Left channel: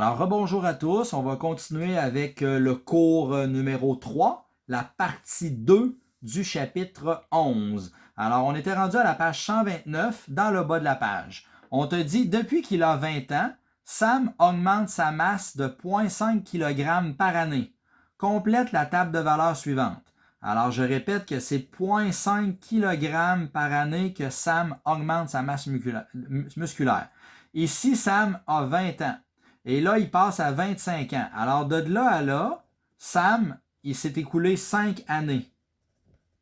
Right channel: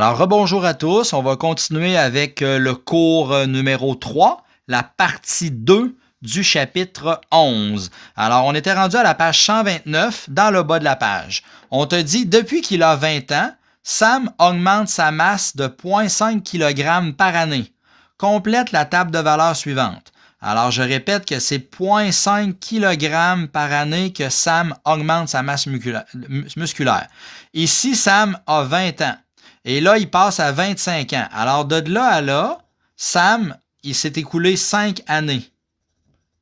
Alors, rebonjour à tous. On va continuer avec le cours numéro 3, la partie 2 du chapitre 11. Alors, on était rendu à la page 129, dans le bas de la page. On te dit, depuis qu'il a 20 ans, Sam augmente sa masse de 0,5 kg par année. Complète la table de valeurs suivante. Alors, je répète que c'est 0,5 kg par année que Sam augmente sa masse musculaire. Ici, Sam a 20 ans. Et là, il passe à 25 ans. Alors, de là à là, Sam, il s'est écoulé 5 années.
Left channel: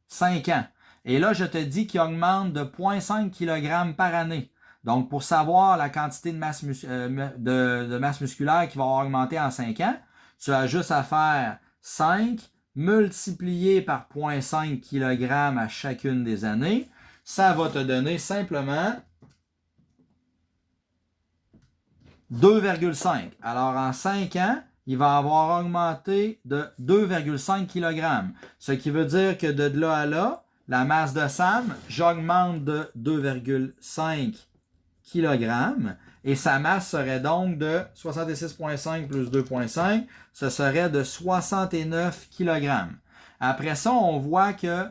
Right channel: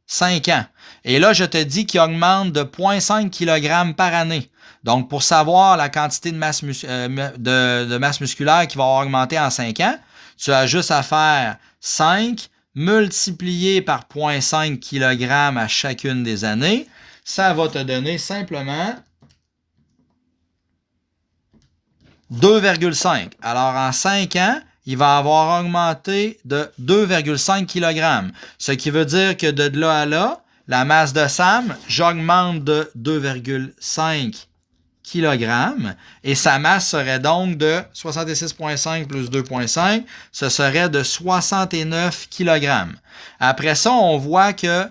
5 ans. Et là, je te dis qu'il augmente de 0,5 kg par année. Donc, pour savoir la quantité de masse, masse musculaire qui va augmenter en 5 ans, tu as juste à faire 5 multiplié par 0,5 kg à chacune des années. Ça va te donner simplement 2,5. Alors, en 5 ans, il va avoir augmenté de 2,5 kg. Ce qui veut dire que de là à là, la masse de Sam, j'augmente de 2,5 kg et sa masse serait donc de 66,5 plus 2,5, ce serait de 69 kg. Après ça, on voit que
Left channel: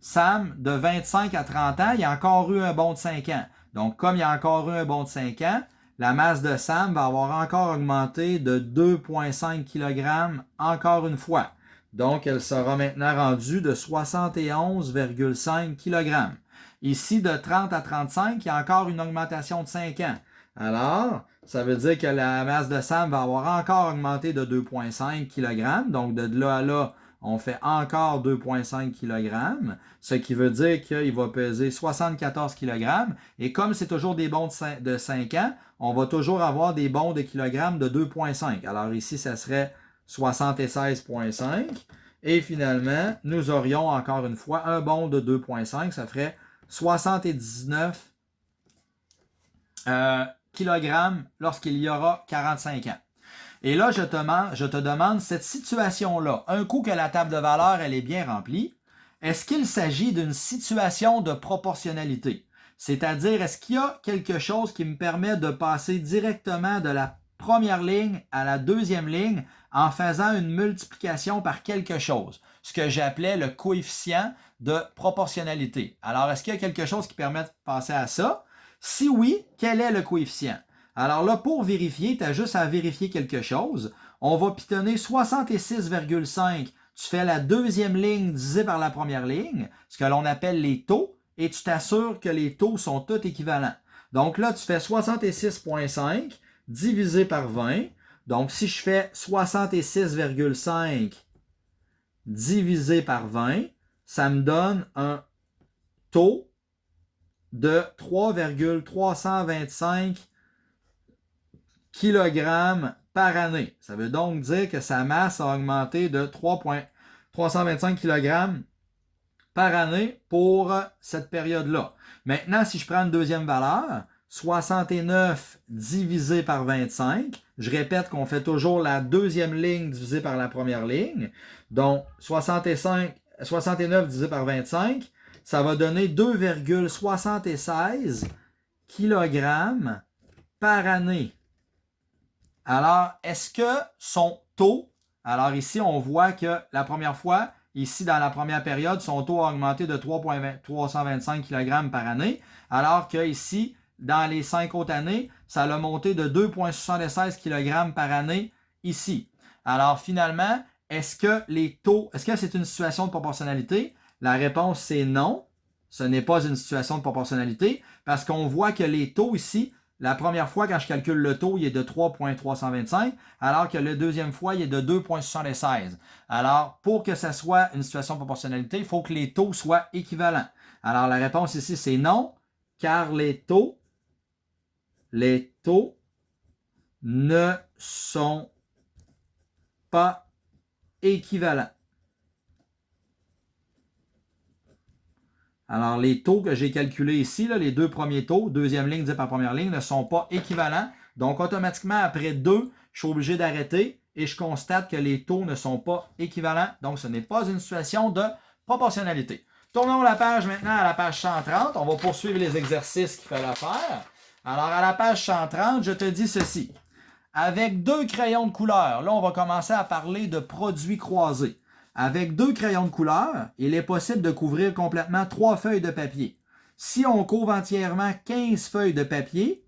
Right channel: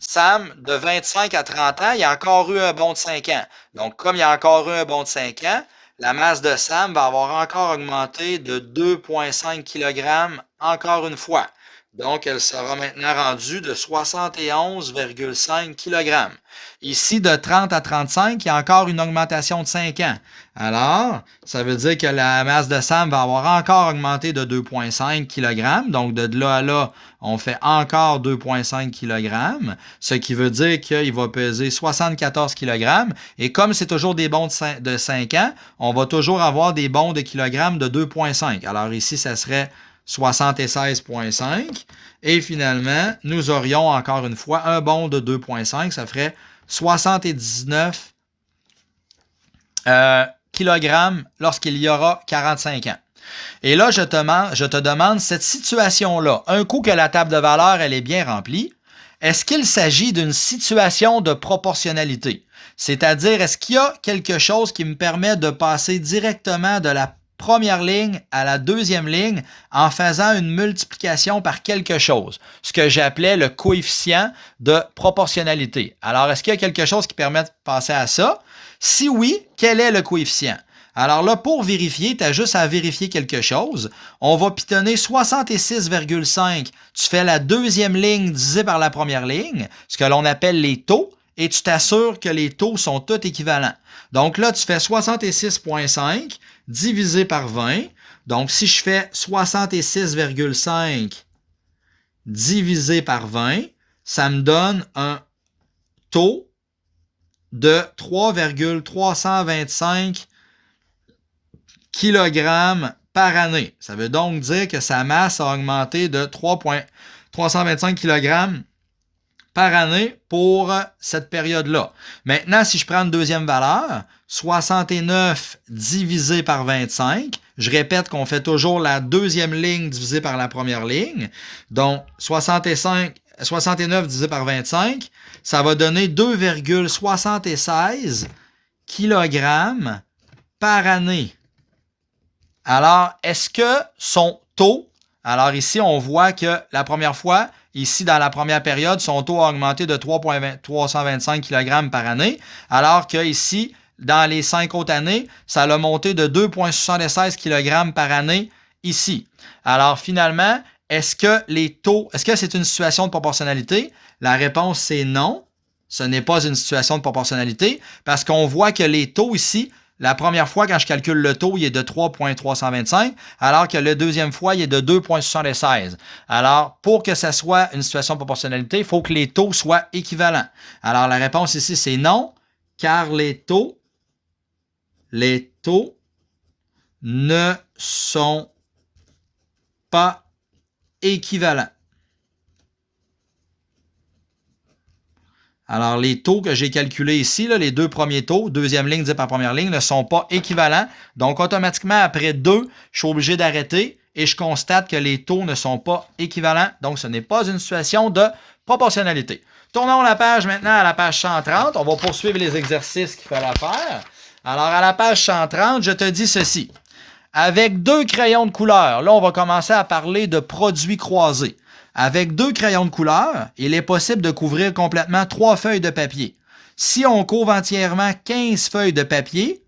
Sam, de 25 à 30 ans, il a encore eu un bond de 5 ans. Donc, comme il a encore eu un bond de 5 ans, la masse de Sam va avoir encore augmenté de 2,5 kg encore une fois. Donc, elle sera maintenant rendue de 71,5 kg. Ici, de 30 à 35, il y a encore une augmentation de 5 ans. Alors, ça veut dire que la masse de Sam va avoir encore augmenté de 2,5 kg. Donc, de là à là, on fait encore 2,5 kg, ce qui veut dire qu'il va peser 74 kg. Et comme c'est toujours des bonds de 5 ans, on va toujours avoir des bonds de kilogrammes de 2,5. Alors ici, ça serait 76,5. Et finalement, nous aurions encore une fois un bond de 2,5. Ça ferait 79 kg lorsqu'il y aura 45 ans. Et là, je te demande cette situation-là, un coup que la table de valeurs elle est bien remplie, est-ce qu'il s'agit d'une situation de proportionnalité? C'est-à-dire, est-ce qu'il y a quelque chose qui me permet de passer directement de la première ligne à la deuxième ligne en faisant une multiplication par quelque chose, ce que j'appelais le coefficient de proportionnalité. Alors, est-ce qu'il y a quelque chose qui permet de passer à ça? Si oui, quel est le coefficient? Alors là, pour vérifier, tu as juste à vérifier quelque chose. On va pitonner 66,5. Tu fais la deuxième ligne divisée par la première ligne, ce que l'on appelle les taux, et tu t'assures que les taux sont tous équivalents. Donc là, tu fais 66,5 divisé par 20. Donc, si je fais 66,5 divisé par 20, ça me donne un taux de 3,325 kg par année. Ça veut donc dire que sa masse a augmenté de 3,325 kg par année pour cette période-là. Maintenant, si je prends une deuxième valeur, 69 divisé par 25, je répète qu'on fait toujours la deuxième ligne divisée par la première ligne. Donc, 69 divisé par 25, ça va donner 2,76 kg par année. Alors, est-ce que son taux, alors ici, on voit que la première fois, ici, dans la première période, son taux a augmenté de 3,325 kg par année, alors qu'ici, dans les 5 autres années, ça a monté de 2,76 kg par année ici. Alors, finalement, est-ce que c'est une situation de proportionnalité? La réponse, c'est non. Ce n'est pas une situation de proportionnalité parce qu'on voit que les taux ici, la première fois, quand je calcule le taux, il est de 3,325, alors que la deuxième fois, il est de 2,76. Alors, pour que ça soit une situation de proportionnalité, il faut que les taux soient équivalents. Alors, la réponse ici, c'est non, car les taux ne sont pas équivalents. Alors, les taux que j'ai calculés ici, là, les deux premiers taux, deuxième ligne divisée par première ligne, ne sont pas équivalents. Donc, automatiquement, après 2, je suis obligé d'arrêter et je constate que les taux ne sont pas équivalents. Donc, ce n'est pas une situation de proportionnalité. Tournons la page maintenant à la page 130. On va poursuivre les exercices qu'il fallait faire. Alors, à la page 130, je te dis ceci. Avec 2 crayons de couleur, là, on va commencer à parler de produits croisés. Avec 2 crayons de couleur, il est possible de couvrir complètement 3 feuilles de papier. Si on couvre entièrement 15 feuilles de papier,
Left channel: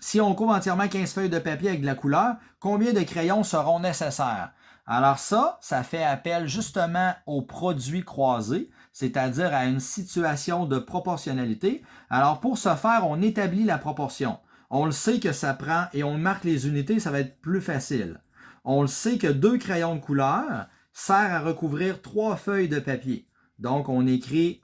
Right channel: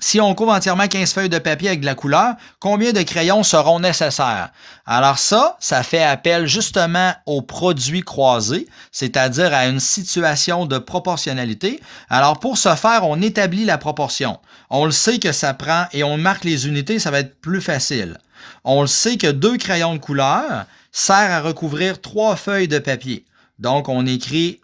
avec de la couleur, combien de crayons seront nécessaires? Alors ça fait appel justement aux produits croisés, c'est-à-dire à une situation de proportionnalité. Alors pour ce faire, on établit la proportion. On le sait que ça prend, et on marque les unités, ça va être plus facile. On le sait que 2 crayons de couleur sert à recouvrir 3 feuilles de papier. Donc on écrit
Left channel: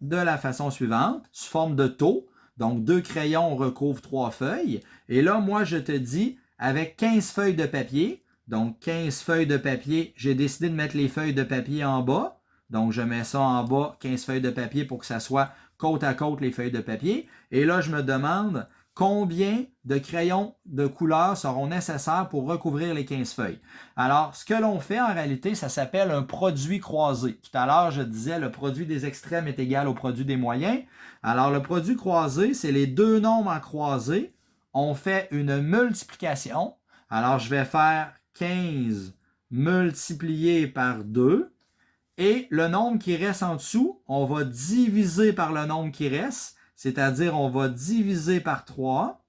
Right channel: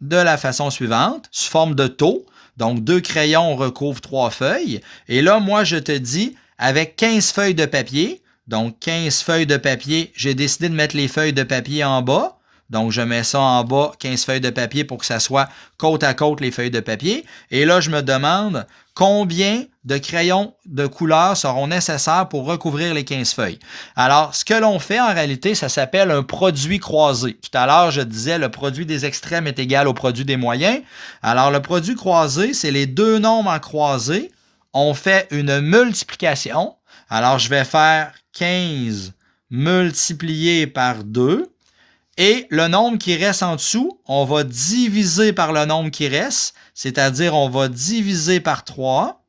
de la façon suivante, sous forme de taux. Donc, 2 crayons recouvrent 3 feuilles. Et là, moi, je te dis, avec 15 feuilles de papier, donc 15 feuilles de papier, j'ai décidé de mettre les feuilles de papier en bas. Donc, je mets ça en bas, 15 feuilles de papier pour que ça soit côte à côte les feuilles de papier. Et là, je me demande combien de crayons de couleur seront nécessaires pour recouvrir les 15 feuilles. Alors, ce que l'on fait en réalité, ça s'appelle un produit croisé. Tout à l'heure, je disais le produit des extrêmes est égal au produit des moyens. Alors, le produit croisé, c'est les deux nombres en croisé. On fait une multiplication. Alors, je vais faire 15 multiplié par 2. Et le nombre qui reste en dessous, on va diviser par le nombre qui reste, c'est-à-dire on va diviser par 3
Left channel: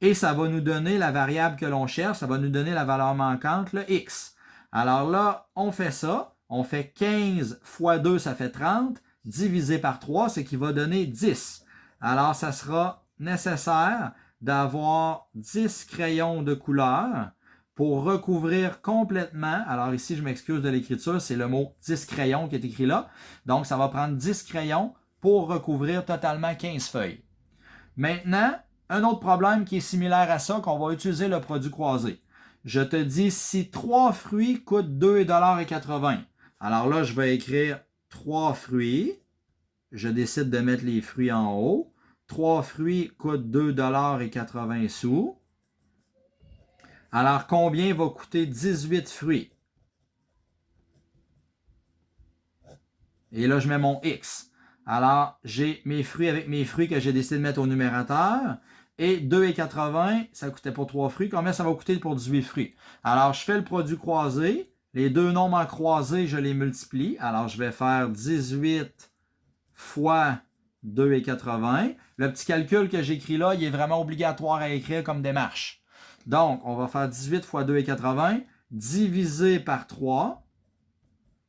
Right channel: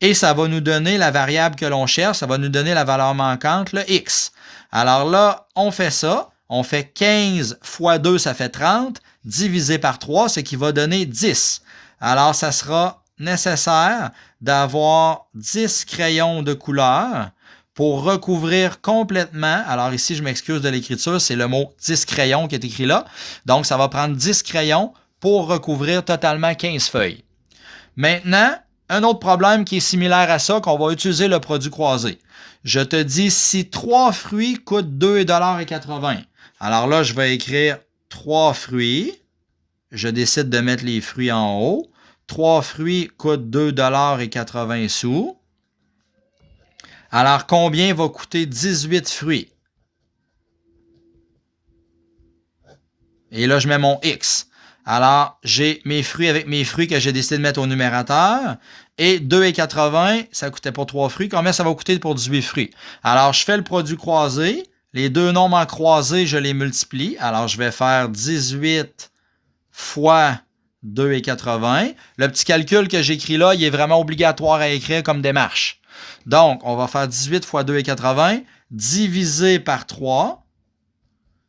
et ça va nous donner la variable que l'on cherche, ça va nous donner la valeur manquante, le x. Alors là, on fait ça, on fait 15 fois 2, ça fait 30, divisé par 3, ce qui va donner 10. Alors, ça sera nécessaire d'avoir 10 crayons de couleur pour recouvrir complètement, alors ici, je m'excuse de l'écriture, c'est le mot 10 crayons qui est écrit là. Donc, ça va prendre 10 crayons pour recouvrir totalement 15 feuilles. Maintenant, un autre problème qui est similaire à ça, qu'on va utiliser le produit croisé. Je te dis, si 3 fruits coûtent 2,80 $, alors là, je vais écrire 3 fruits. Je décide de mettre les fruits en haut. 3 fruits coûtent 2,80 $. Alors, combien va coûter 18 fruits? Et là, je mets mon X. Alors, j'ai mes fruits avec mes fruits que j'ai décidé de mettre au numérateur. Et 2,80 $, ça coûtait pour 3 fruits. Combien ça va coûter pour 18 fruits? Alors, je fais le produit croisé. Les deux nombres en croisé, je les multiplie. Alors, je vais faire 18 fois 2,80 $. Le petit calcul que j'écris là, il est vraiment obligatoire à écrire comme démarche. Donc, on va faire 18 fois 2,80 divisé par 3,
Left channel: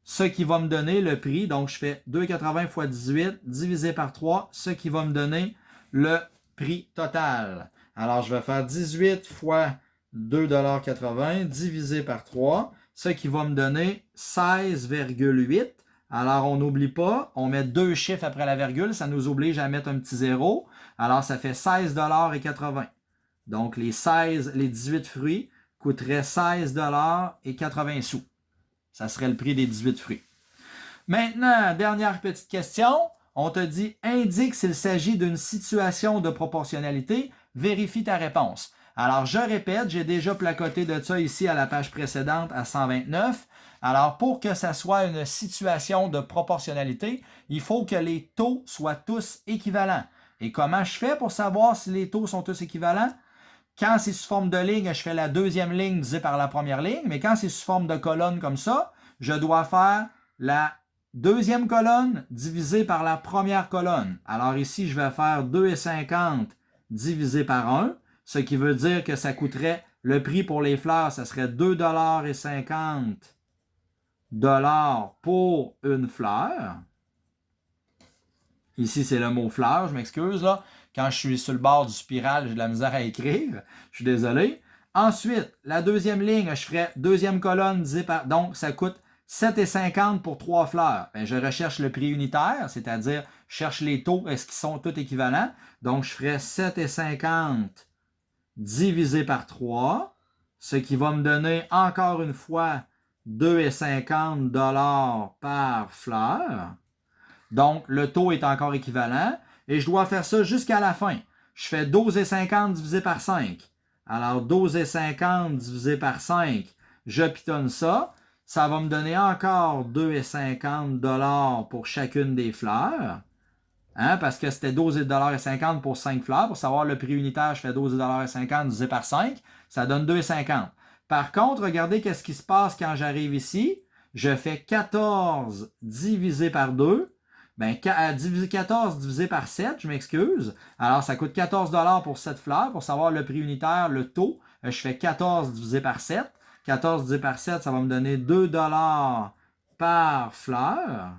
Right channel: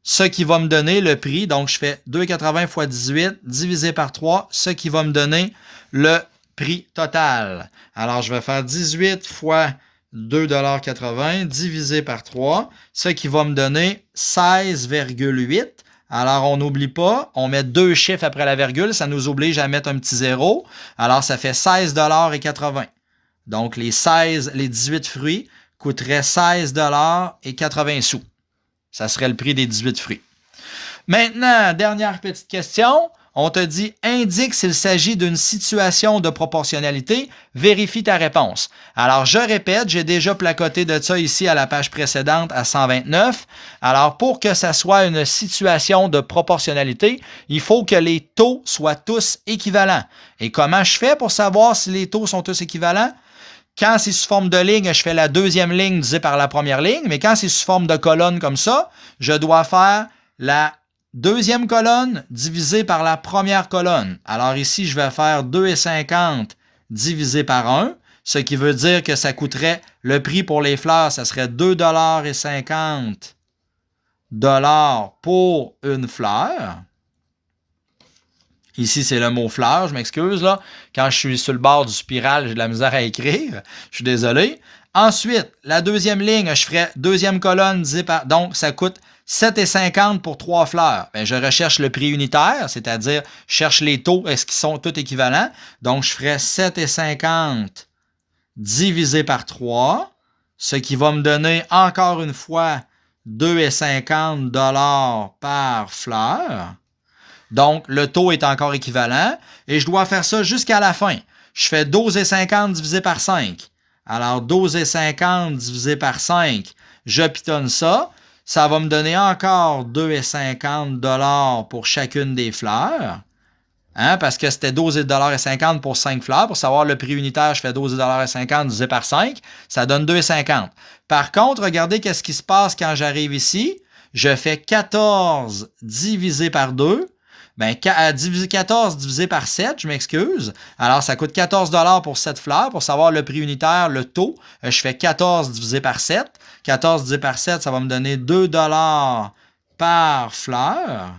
ce qui va me donner le prix. Donc, je fais 2,80 fois 18 divisé par 3, ce qui va me donner le prix total. Alors, je vais faire 18 fois 2,80 $ divisé par 3, ce qui va me donner 16,8 $. Alors, on n'oublie pas, on met 2 chiffres après la virgule, ça nous oblige à mettre un petit zéro. Alors, ça fait 16,80 $. Donc, les 18 fruits coûteraient 16,80 $. Ça serait le prix des 18 fruits. Maintenant, dernière petite question. On te dit, indique s'il s'agit d'une situation de proportionnalité, vérifie ta réponse. Alors, je répète, j'ai déjà placoté de ça ici à la page précédente à 129. Alors, pour que ça soit une situation de proportionnalité, il faut que les taux soient tous équivalents. Et comment je fais pour savoir si les taux sont tous équivalents? Quand c'est sous forme de ligne, je fais la deuxième ligne divisée par la première ligne, mais quand c'est sous forme de colonne comme ça, je dois faire la deuxième colonne divisée par la première colonne. Alors ici, je vais faire 2,50 divisé par 1, ce qui veut dire que ça coûterait, le prix pour les fleurs, ça serait 2,50 $ pour une fleur. Ici, c'est le mot fleur, je m'excuse là. Quand je suis sur le bord du spiral, j'ai de la misère à écrire. Je suis désolé. Ensuite, la deuxième ligne, je ferai deuxième colonne divisée par... Donc, ça coûte 7,50 pour 3 fleurs. Bien, je recherche le prix unitaire, c'est-à-dire je cherche les taux, est-ce qu'ils sont tous équivalents? Donc, je ferai 7,50 divisé par 3, ce qui va me donner encore une fois 2,50 $ par fleur. Donc, le taux est encore équivalent et je dois faire ça jusqu'à la fin. Je fais 12,50 divisé par 5. Alors, 12,50 divisé par 5, je pitonne ça. Ça va me donner encore 2,50 $ pour chacune des fleurs. Hein, parce que c'était 12,50 pour 5 fleurs. Pour savoir le prix unitaire, je fais 12,50 divisé par 5. Ça donne 2,50. Par contre, regardez qu'est-ce qui se passe quand j'arrive ici. Je fais 14 divisé par 2. Bien, 14 divisé par 7, je m'excuse. Alors, ça coûte 14 pour 7 fleurs. Pour savoir le prix unitaire, le taux, je fais 14 divisé par 7. 14 divisé par 7, ça va me donner 2 par fleur.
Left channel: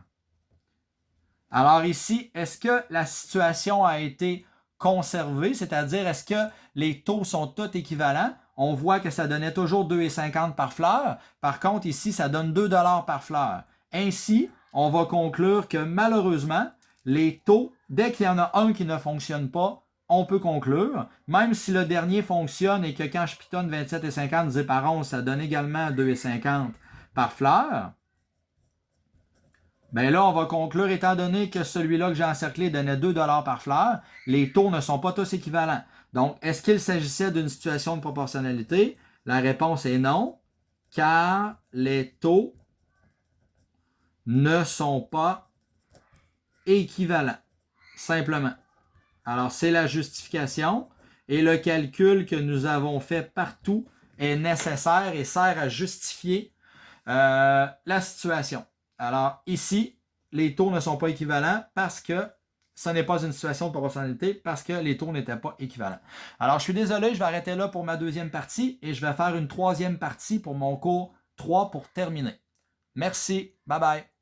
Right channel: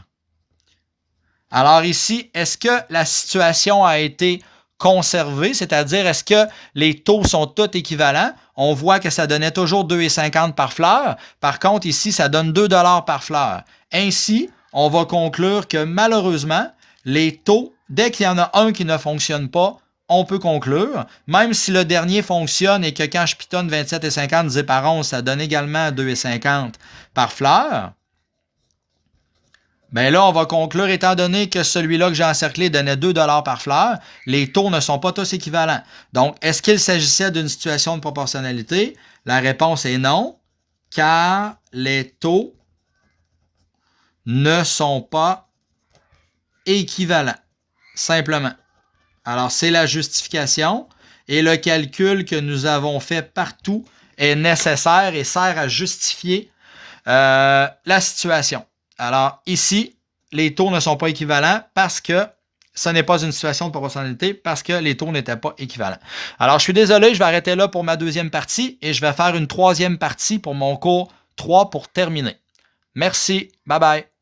Alors ici, est-ce que la situation a été conservée, c'est-à-dire est-ce que les taux sont tous équivalents? On voit que ça donnait toujours 2,50 par fleur. Par contre, ici, ça donne 2 par fleur. Ainsi, on va conclure que malheureusement, les taux, dès qu'il y en a un qui ne fonctionne pas, on peut conclure, même si le dernier fonctionne et que quand je pitonne 27,50 divisé par 11, ça donne également 2,50 par fleur. Bien là, on va conclure, étant donné que celui-là que j'ai encerclé donnait 2 par fleur, les taux ne sont pas tous équivalents. Donc, est-ce qu'il s'agissait d'une situation de proportionnalité? La réponse est non, car les taux ne sont pas équivalents, simplement. Alors, c'est la justification et le calcul que nous avons fait partout est nécessaire et sert à justifier la situation. Alors, ici, les taux ne sont pas équivalents parce que ce n'est pas une situation de proportionnalité, parce que les taux n'étaient pas équivalents. Alors, je suis désolé, je vais arrêter là pour ma deuxième partie et je vais faire une troisième partie pour mon cours 3 pour terminer. Merci. Bye bye.